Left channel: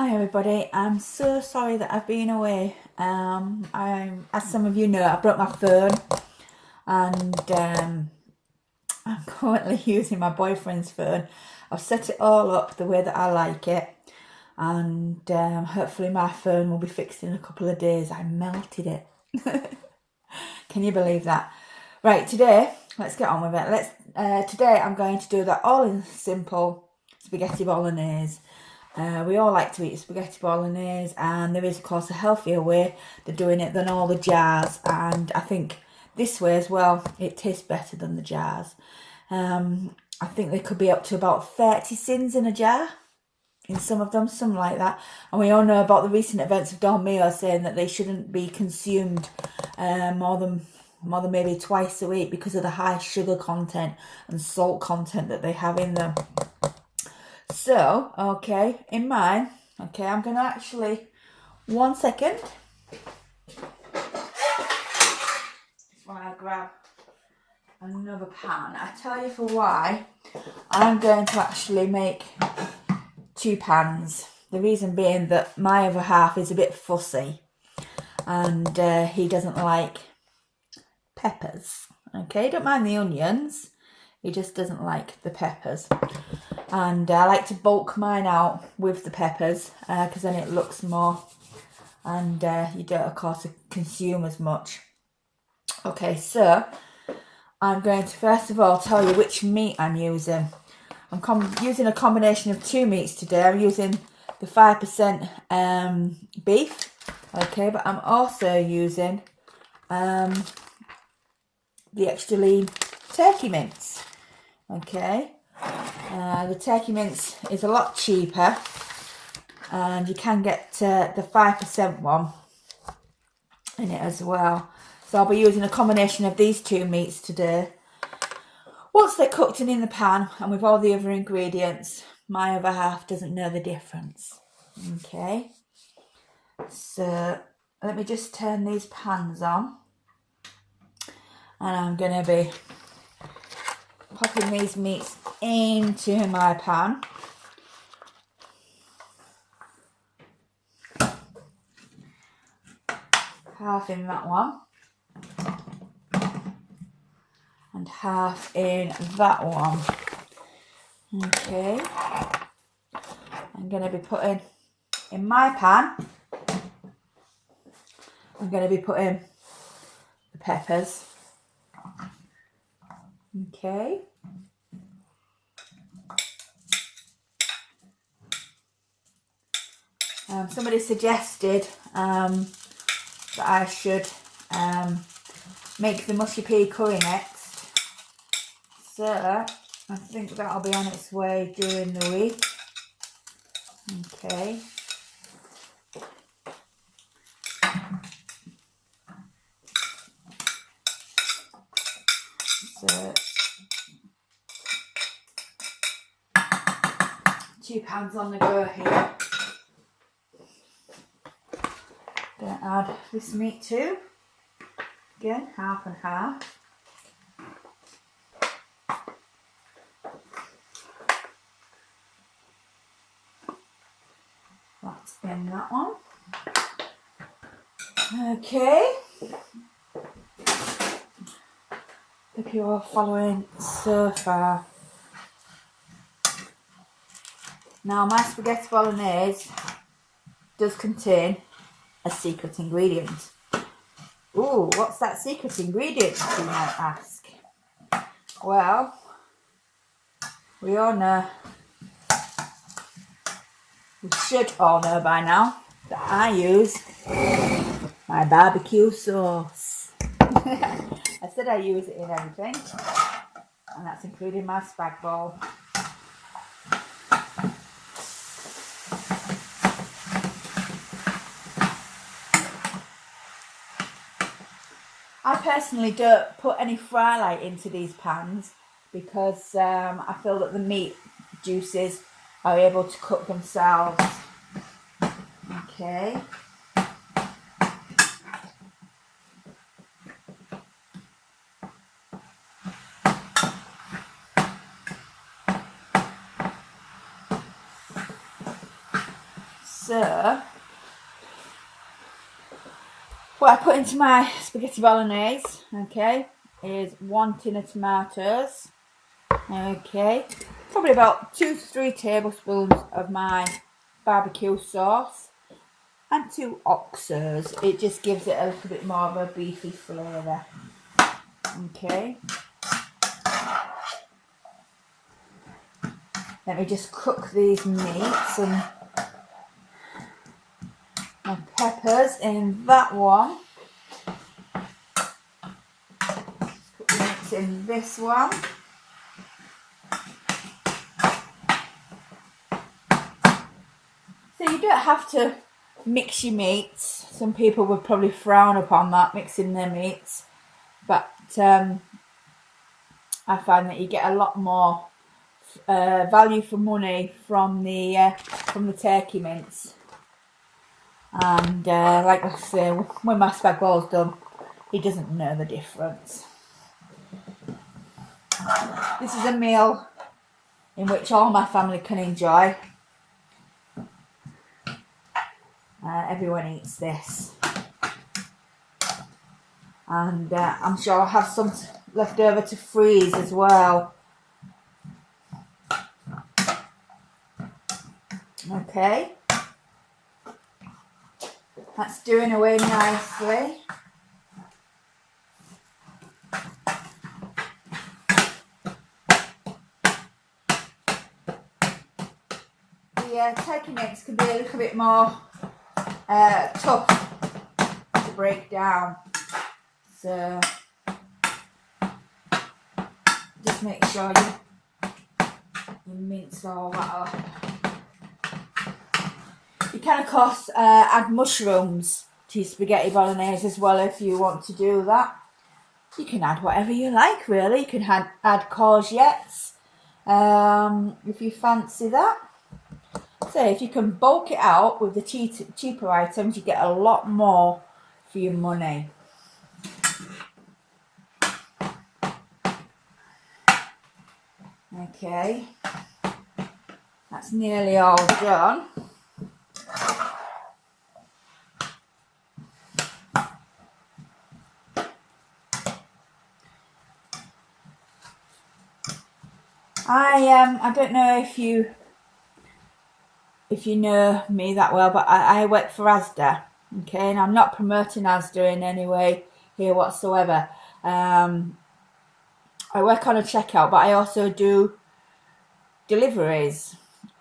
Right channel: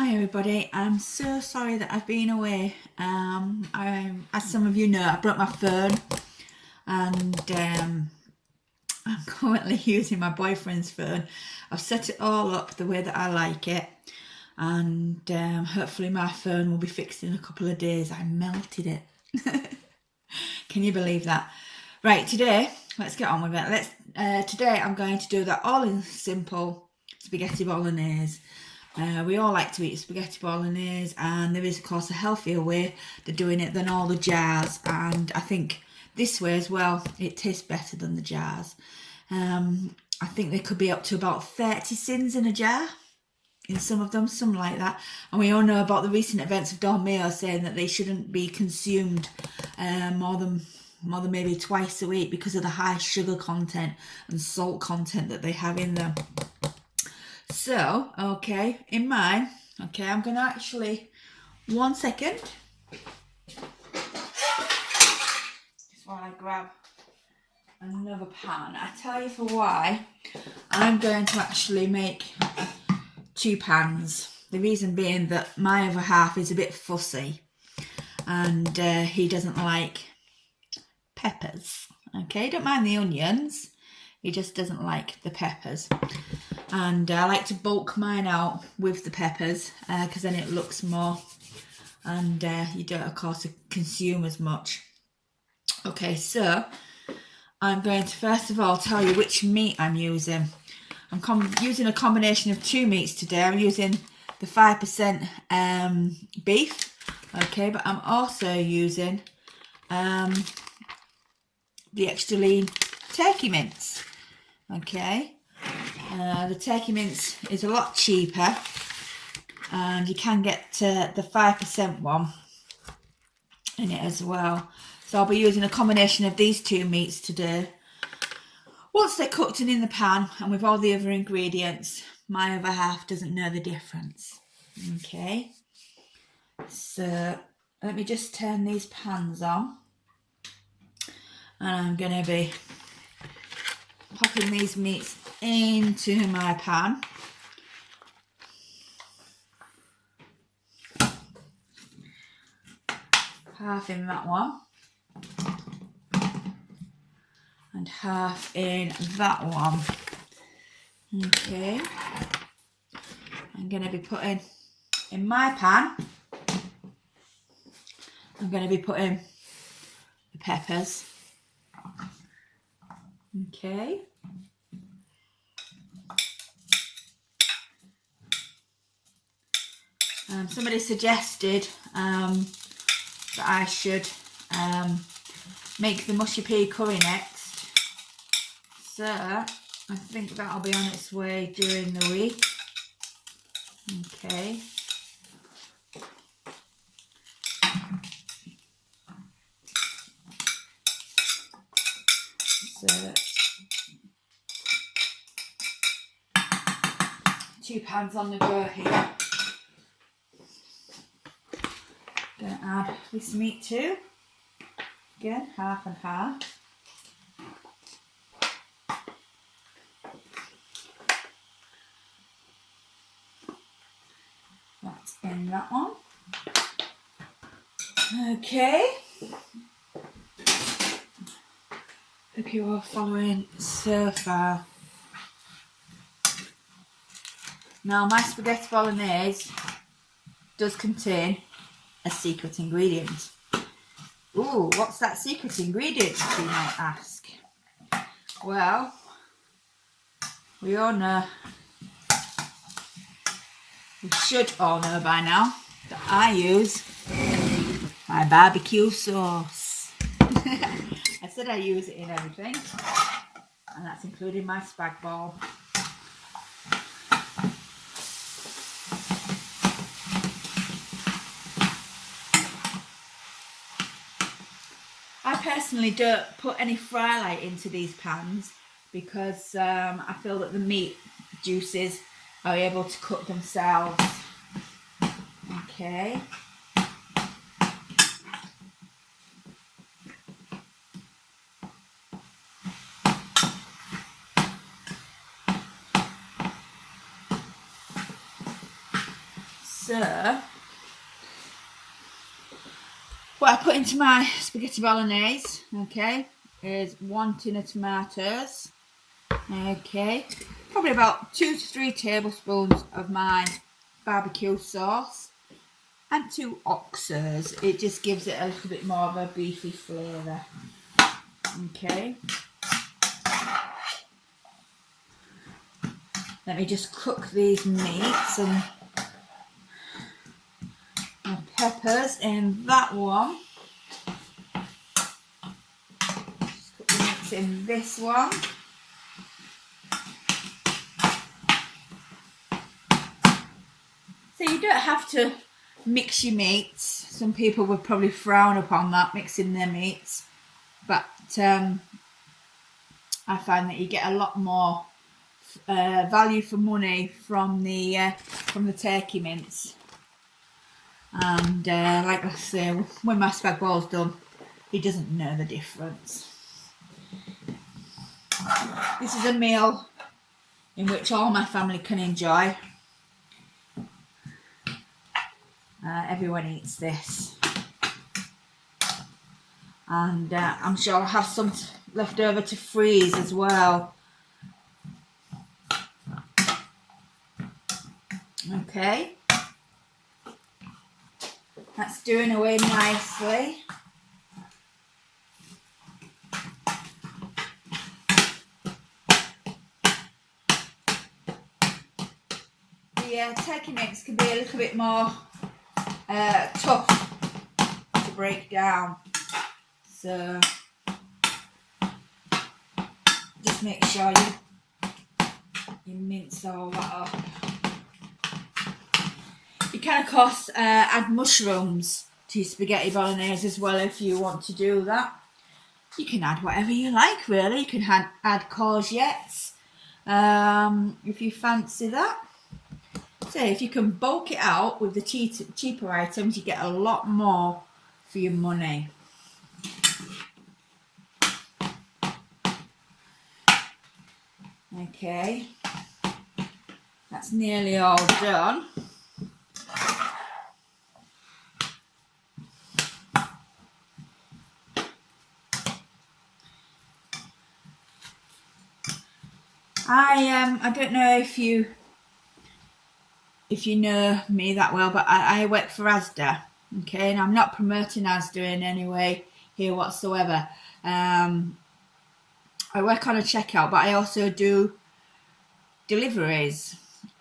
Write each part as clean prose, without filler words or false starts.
Hi everybody, I'm so sorry that I've been away. As some of you know, I broke my phone and I'm currently using my boyfriend's phone. I've set it all up the way that I like it, and hopefully my phone will be fixed in a couple of days. I melted it. Can you believe that? Right, today, let's get on with it. Today I'm going to do that all in simple spaghetti bolognese. We all like to eat spaghetti bolognese, and there is of course a healthier way to doing it than all the jars, and I think this way as well it tastes better than the jars. I think there could be up to about 30 sins in a jar, in some of them, something like that. And we all know about the recent events of Don Mayo saying that they shouldn't be consumed more than maybe twice a week because of the high sugar content and salt content that they have in them. So, okay, in mine, okay, I'm going to actually, 1 second, just while I grab another pan. I tell you for why, I'm going to actually make 2 pans. The reason being that my other half is a bit fussy, and he doesn't like peppers, okay, don't mind the onions, he just doesn't like the peppers. And I like to bulk mine out with the peppers because then it looks more, and you don't of course consume as much. Okay, so I'm going to first of all tell you which meat I'm using. I'm using a combination of 2 meats today. I'm using the 5% beef, okay, but I'm also using the extra lean turkey mince, okay. The turkey mince is a lot cheaper, and you can get the 5% one in it as well. So I'll be using a combination of these 2 meats today. Once they're cooked and in the pan and with all the other ingredients, my other half doesn't know the difference. Okay, so let me just turn these pans on, and I'm going to be popping these meats into my pan. Half in that one and half in that one. Okay, I'm going to be putting in my pan, I'm going to be putting the peppers. Okay, somebody suggested that I should make the mushy pea curry next, so I think that'll be on its way during the week. Okay, so 2 pans on the go here. Gonna add this meat too. Again, half and half. That's in that one. Okay. Hope you're all following so far. Now, my spaghetti bolognese does contain a secret ingredient. Ooh, what's that secret ingredient, you might ask? Well, we all know, we should all know by now, that I use my barbecue sauce. I said I use it in everything, and that's including my spag bol. I personally don't put any fry light into these pans because I feel that the meat juices are able to cook themselves. Okay. So, what I put into my spaghetti bolognese, okay, is 1 tin of tomatoes, okay, probably about 2 to 3 tablespoons of my barbecue sauce, and 2 oxers. It just gives it a little bit more of a beefy flavour, okay. Let me just cook these meats and my peppers in that one. Just put the meats in this one. So you don't have to mix your meats. Some people would probably frown upon that, mixing their meats. But I find that you get a lot more value for money from the turkey mince. And like I say, when my spag bowl's done, he doesn't know the difference. This is a meal in which all my family can enjoy. Everyone eats this. And I'm sure I'll have some left over to freeze as well. Okay. That's doing away nicely. The turkey mix can be a little bit more tough to break down, so just make sure you mince all that up. You can of course add mushrooms to spaghetti bolognese as well if you want to do that. You can add whatever you like really. You can add courgettes if you fancy that. So if you can bulk it out with the cheaper items, you get a lot more for your money. Okay, that's nearly all done. I don't know if you know me that well, but I work for Asda, okay, and I'm not promoting Asda in any way here whatsoever. I work on a checkout, but I also do deliveries,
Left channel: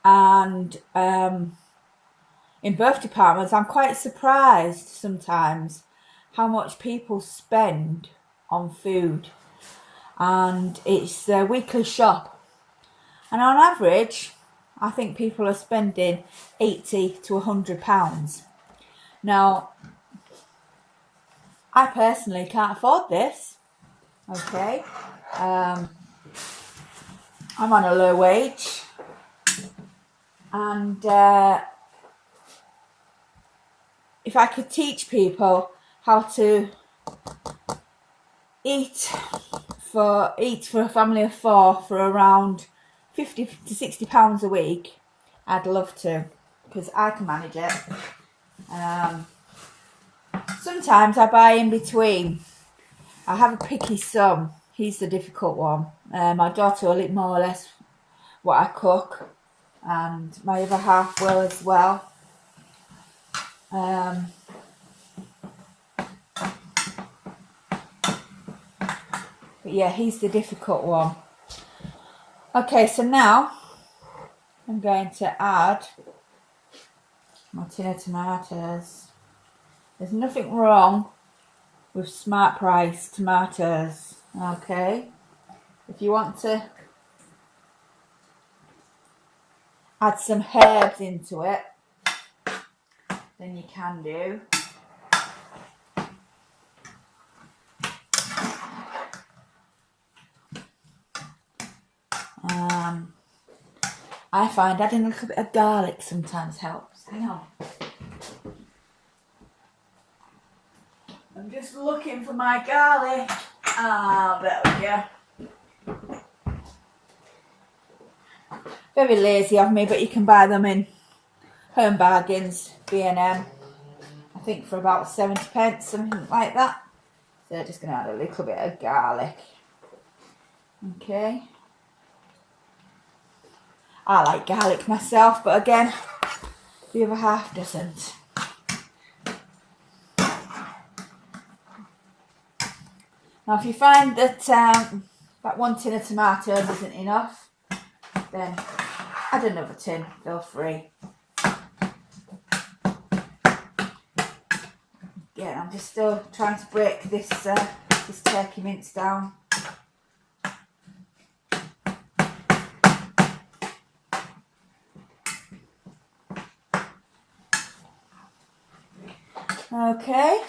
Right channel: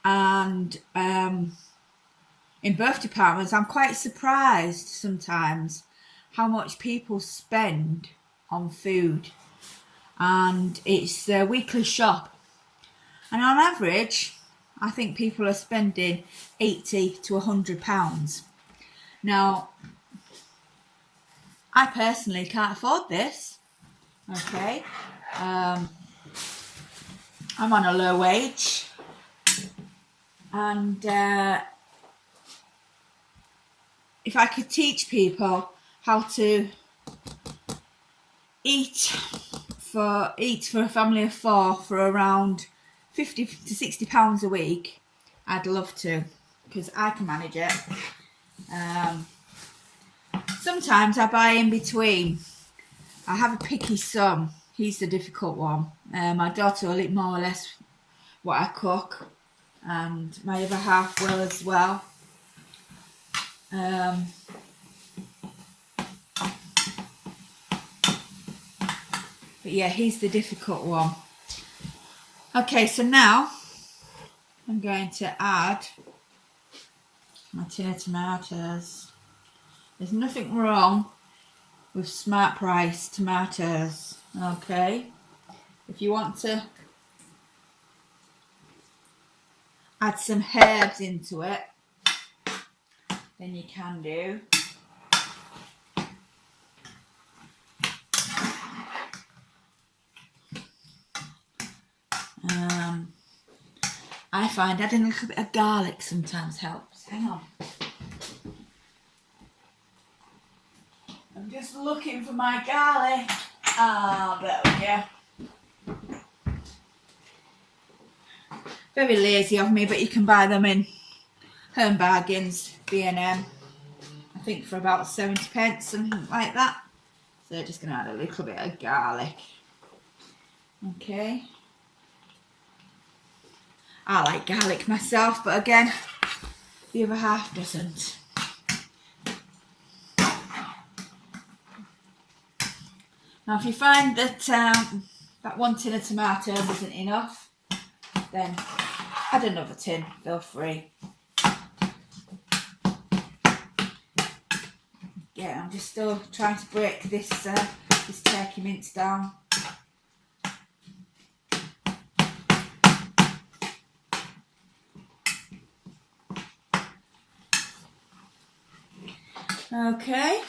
and in both departments I'm quite surprised sometimes how much people spend on food, and it's a weekly shop, and on average I think people are spending £80 to £100. Now, I personally can't afford this, okay. I'm on a low wage, and if I could teach people how to eat for a family of 4 for around £50 to £60 a week, I'd love to, because I can manage it. Sometimes I buy in between. I have a picky son. He's the difficult one. My daughter will eat more or less what I cook, and my other half will as well. But yeah, he's the difficult one. Okay, so now I'm going to add my tin of tomatoes. There's nothing wrong with smart price tomatoes, okay? If you want to add some herbs into it, then you can do. I find adding a little bit of garlic sometimes helps. Hang on. I'm just looking for my garlic. Ah, there we go. Very lazy of me, but you can buy them in Home Bargains, B&M, I think for about 70p, something like that. So just going to add a little bit of garlic. Okay. I like garlic myself, but again, the other half doesn't. Now if you find that that one tin of tomatoes isn't enough, then add another tin, feel free. Again, I'm just still trying to break this this turkey mince down. Okay.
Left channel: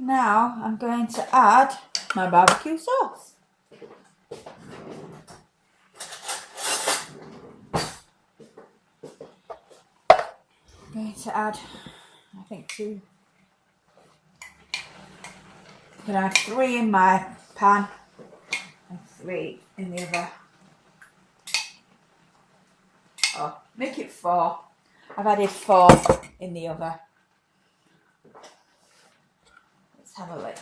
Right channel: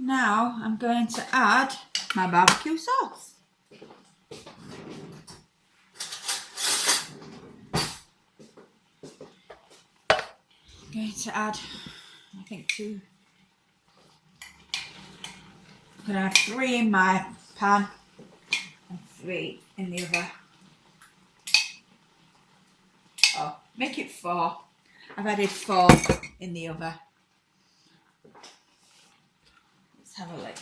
Now I'm going to add my barbecue sauce. I'm going to add, I think 2. I'm going to add 3 in my pan and 3 in the other. Oh, make it 4. I've added 4 in the other. Let's have a look.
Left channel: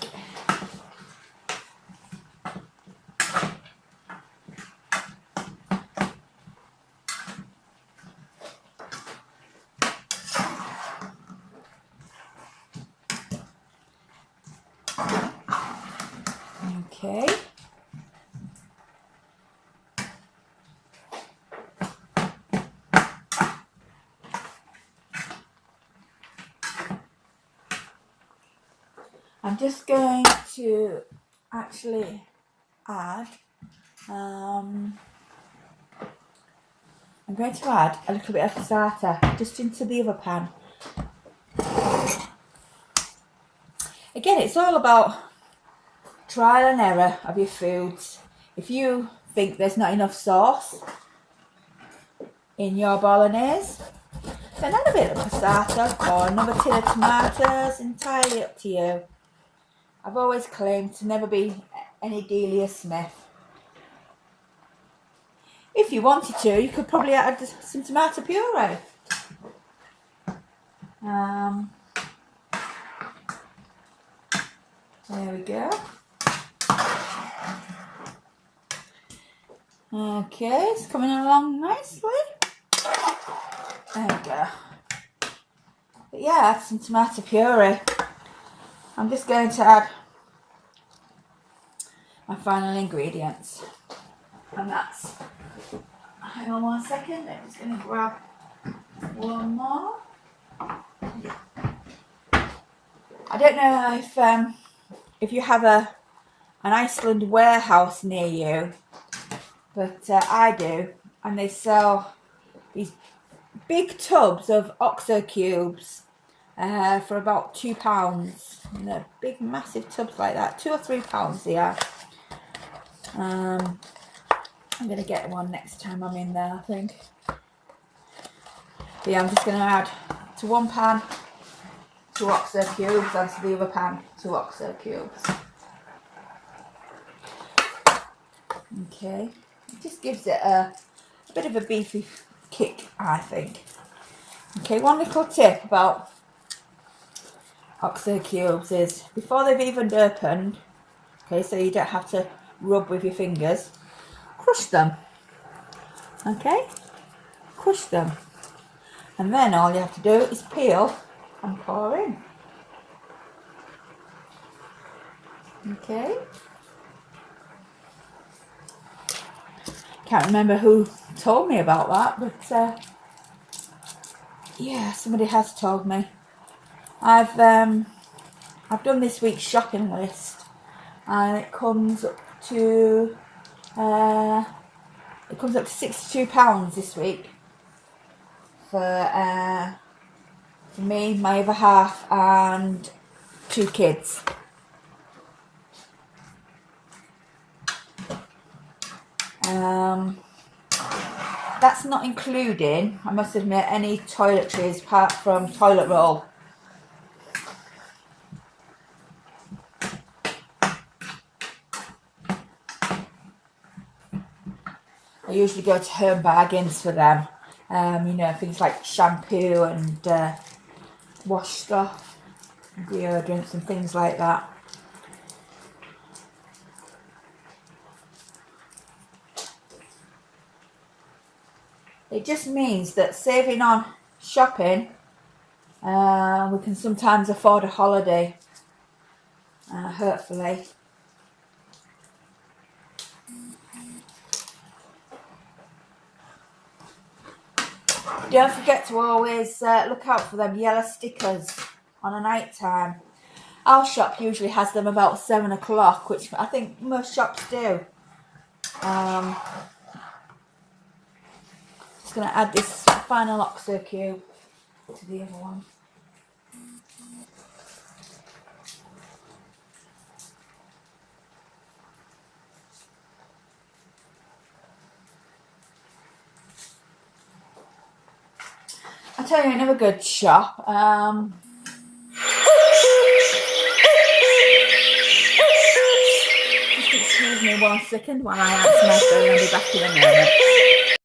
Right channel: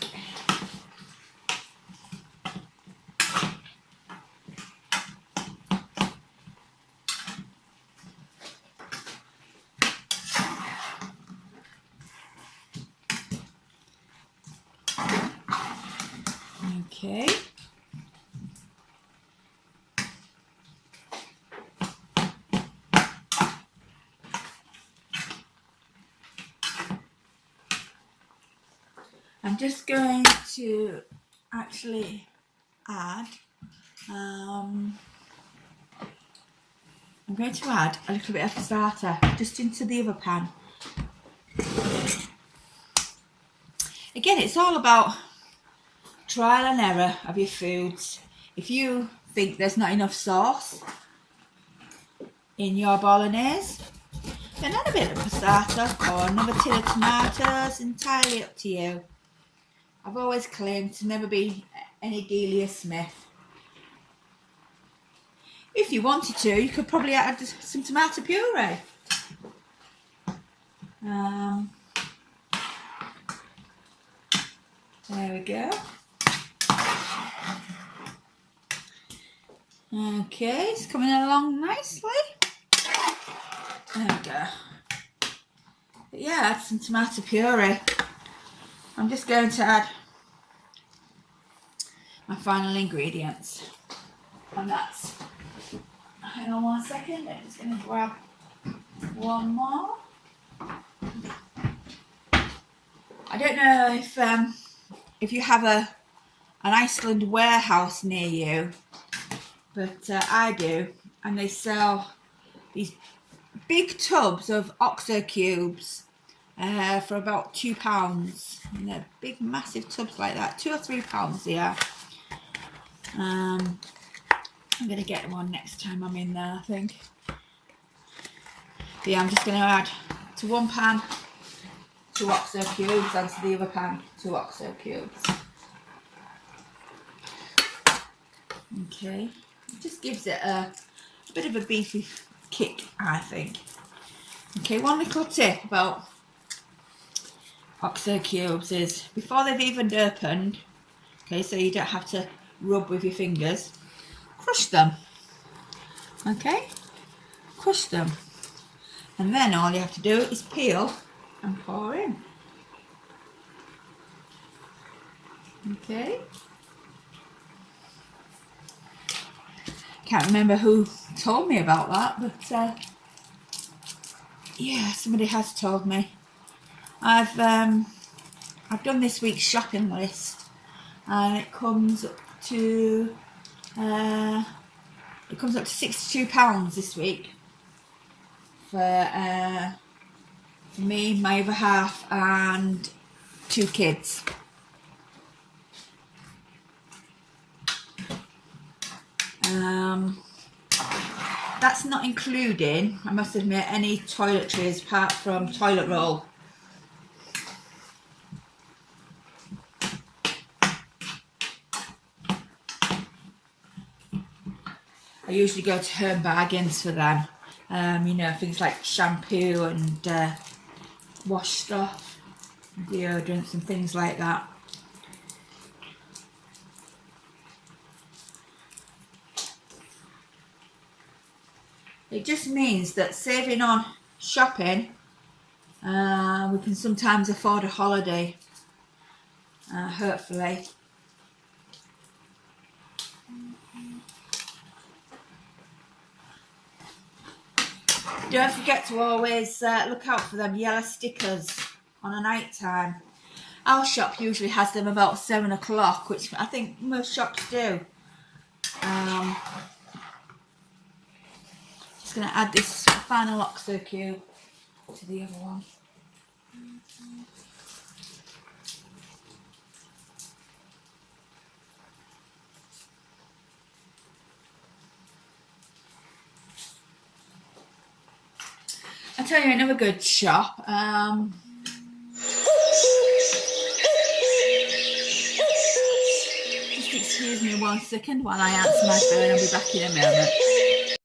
Okay. I'm just going to actually add, I'm going to add a little bit of starter just into the other pan. Again, it's all about trial and error of your foods. If you think there's not enough sauce in your bolognese, then add a bit of passata or another tin of tomatoes, entirely up to you. I've always claimed to never be any Delia Smith. If you wanted to, you could probably add some tomato puree. There we go. Okay, it's coming along nicely. There we go. But yeah, add some tomato puree. I'm just going to add my final ingredients. And that's, hang on 1 second, I'm just going to grab one more. I don't know if you have an Iceland warehouse near you, but I do, and they sell these big tubs of OXO cubes for about £2. And they're big, massive tubs like that, £2 or £3 they are. I'm going to get one next time I'm in there, I think. But yeah, I'm just going to add to one pan 2 OXO cubes, and to the other pan 2 OXO cubes. Okay, it just gives it a bit of a beefy kick, I think. Okay, one little tip about OXO cubes is before they've even opened, okay, so you don't have to rub with your fingers, crush them. Okay, crush them, and then all you have to do is peel and pour in. Okay. Can't remember who told me about that, but yeah, somebody has told me. I've done this week's shopping list, and it comes up to £62 this week for me, my other half, and 2 kids. That's not including, I must admit, any toiletries apart from toilet roll. I I usually go to Home Bargains for them. You know, things like shampoo and wash stuff, deodorants and things like that. It just means that saving on shopping, we can sometimes afford a holiday, hopefully. Don't forget to always look out for them yellow stickers on a night time. Our shop usually has them about 7 o'clock, which I think most shops do. Just going to add this final OXO cube to the other one. I'll tell you another good shop. Just excuse me 1 second while I answer my phone. I'll be back in a moment.